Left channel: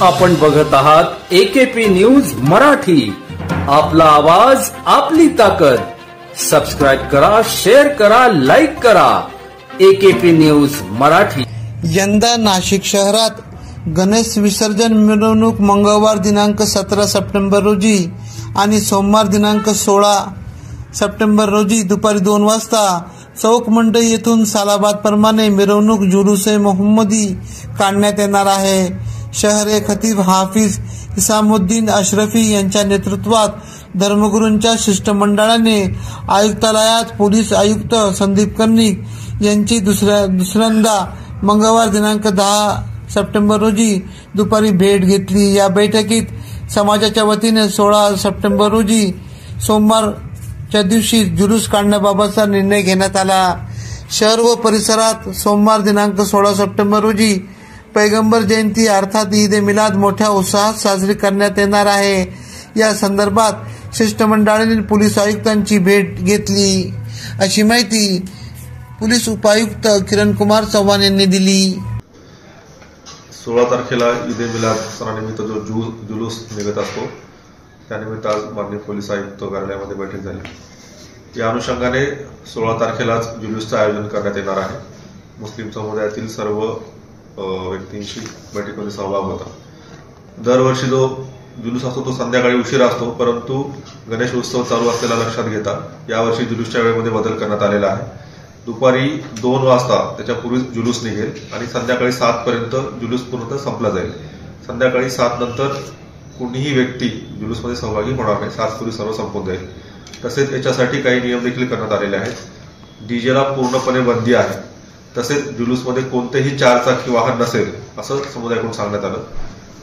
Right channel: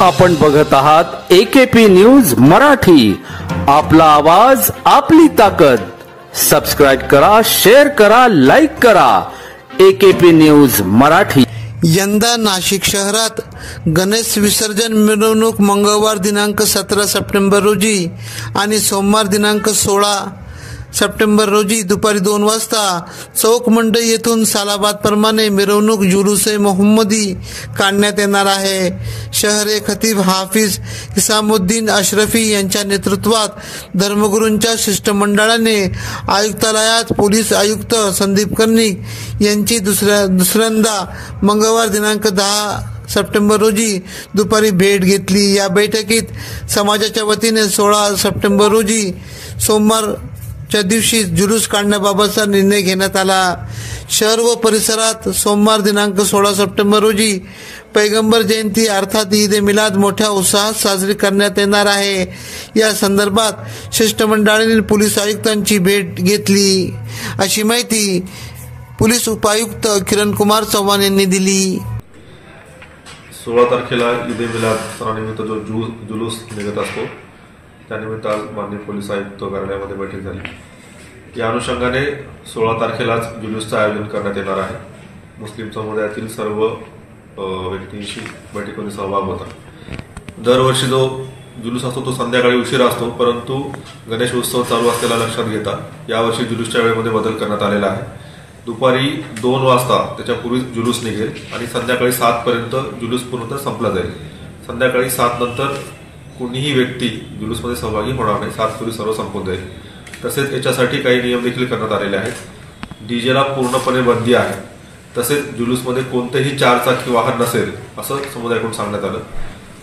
आपण बघत आहात AKP न्यूज मराठी, आपला आवाज आपली ताकद। सबस्क्राइब करा, शेअर करा, लाईक करा। AKP news Marathi. यंदा नाशिक शहरात गणेश विसर्जन मिरवणूक मंगळवार दिनांक 17 सप्टेंबर रोजी आणि सोमवार दिनांक 16 सप्टेंबर रोजी दुपारी 2 वाजता चौक मंडई येथून सालाबाद प्रमाणे मिरवणूक जुलूस-ए मोहम्मदी काढण्यात येणार आहे। शहरे खतीब हाफिज हिसामुद्दीन अशरफी यांच्या नेतृत्वात धर्मगुरूंच्या शिष्टमंडळाने आयुक्तालयात पोलीस आयुक्त संदीप कर्णिक यांची दुसऱ्यांदा मंगळवार दिनांक 10 सप्टेंबर रोजी दुपारी भेट घेतली। या बैठकीत समाजाच्या वतीने 16 सप्टेंबर रोजी सोमवारच्या दिवशी जुलूस काढण्याबाबतचा निर्णय घेण्यात आला। शहर व परिसरात सोमवार दिनांक 16 सप्टेंबर रोजी पैगंबर जयंती अर्थात ईद ए मिलाद मोठ्या उत्साहात साजरी करण्यात येणार आहे। या संदर्भात शिष्टमंडळाने पोलीस आयुक्तांची भेट घेतली, अशी माहिती पोलीस उपायुक्त किरण कुमार चव्हाण यांनी दिली। 16 तारखेला ईद ए मिलाद सणानिमित्त जो जुलूस निघत असतो, त्यानिमित्त आज माननीय पोलीस आयुक्त कार्यालयामध्ये बैठक झाली। या अनुषंगाने 16 तारखेलाच जुलूसचं आयोजन करण्यात येणार आहे। मुस्लिम समुदायातील सर्व व्यक्तींशी बैठकीमध्ये सहभाग होता। दरवर्षी जो जुलूस असतो तो संध्याकाळी उशिरा असतो, परंतु गणेश उत्सव चालू असलेला लक्षात घेता यावर्षी जुलूसच्या वेळेमध्ये बदल करण्यात आलेला आहे। दुपारी 2 वाजता त्याच्यापूर्वी जुलूस निघेल आणि संध्याकाळी 7 पर्यंत जुलूस पूर्णतः संपला जाईल। संध्याकाळी 7 नंतर कुणीही व्यक्ती जुलूसमध्ये सहभागी होणार नाही, 7 पूर्वी सर्व संपून जाईल। तसेच याच्यासाठी काही नियम देखील करण्यात आलेले आहेत। डीजेला पूर्णपणे बंदी आहे। तसेच जुलूसमध्ये कोणतेही 4 चाकी वाहन नसेल असं समुदायाकडून सांगण्यात आलं।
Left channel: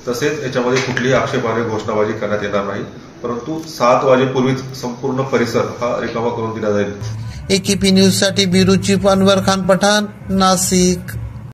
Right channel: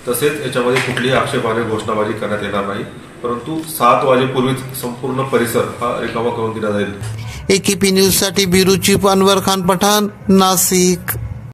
तसेच याच्यामध्ये कुठलीही आक्षेपार्ह घोषणाबाजी करण्यात येणार नाही, परंतु 7 वाजेपूर्वीच संपूर्ण परिसर हा रिकामा करून दिला जाईल। AKP न्यूज साठी ब्युरो चीफ अनवर खान पठाण, नाशिक।